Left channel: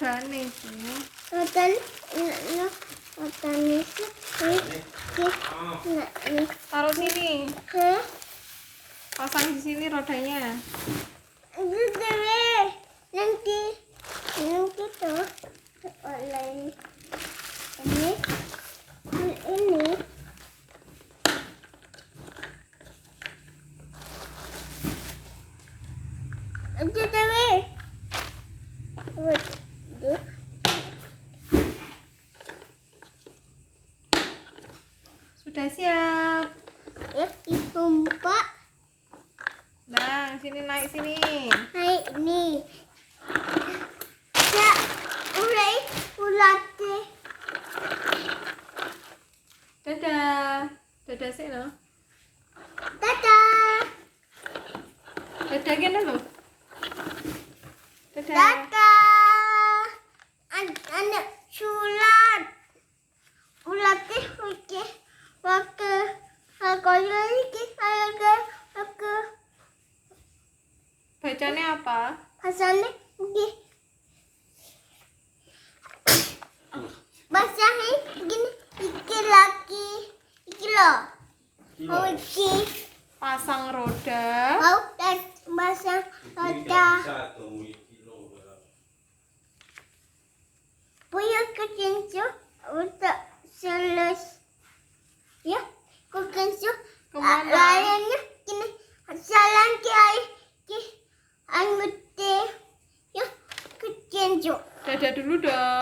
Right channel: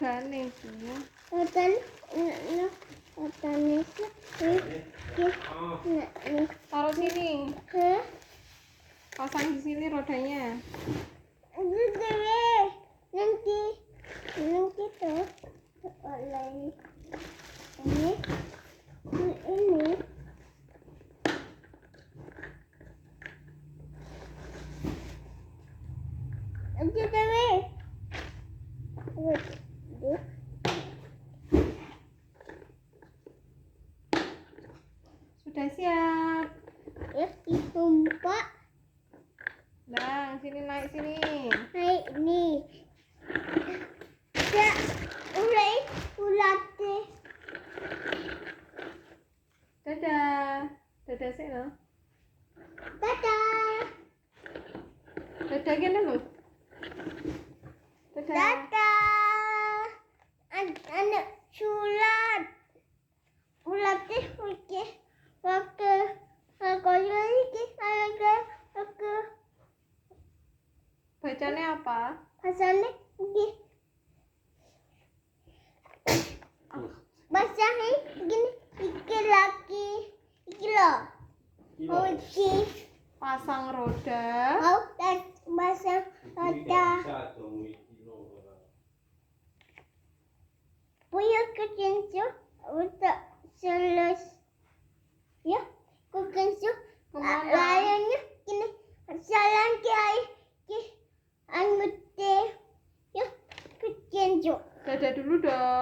rodane iki. Rodane ini. Taruh sini. Hah? Pasang di sini rodanya. Itu dewe. Nanti tuh oleh ini. Itu dewe. Sudah siap. Ya, ditumpah. Nah, sini naik sini. Hai, ini. Ya, ulate. Dadah. Dadah sih lo. Dadah. Dadah gini lo. Dadah. Dadah. Anak sulat. Ulate oke. Bacanya apa? Pasane iki. Basahi gini iki lagi. Iki lo. Oh iki. Pasang roda. Mau dan basah roda. Punya kekencu untuk selesai. Ya, kekencu. Kemana? Layarnya gini. Jalan kiai. Anggute. Ya, kekencu. Dadah dulu dong.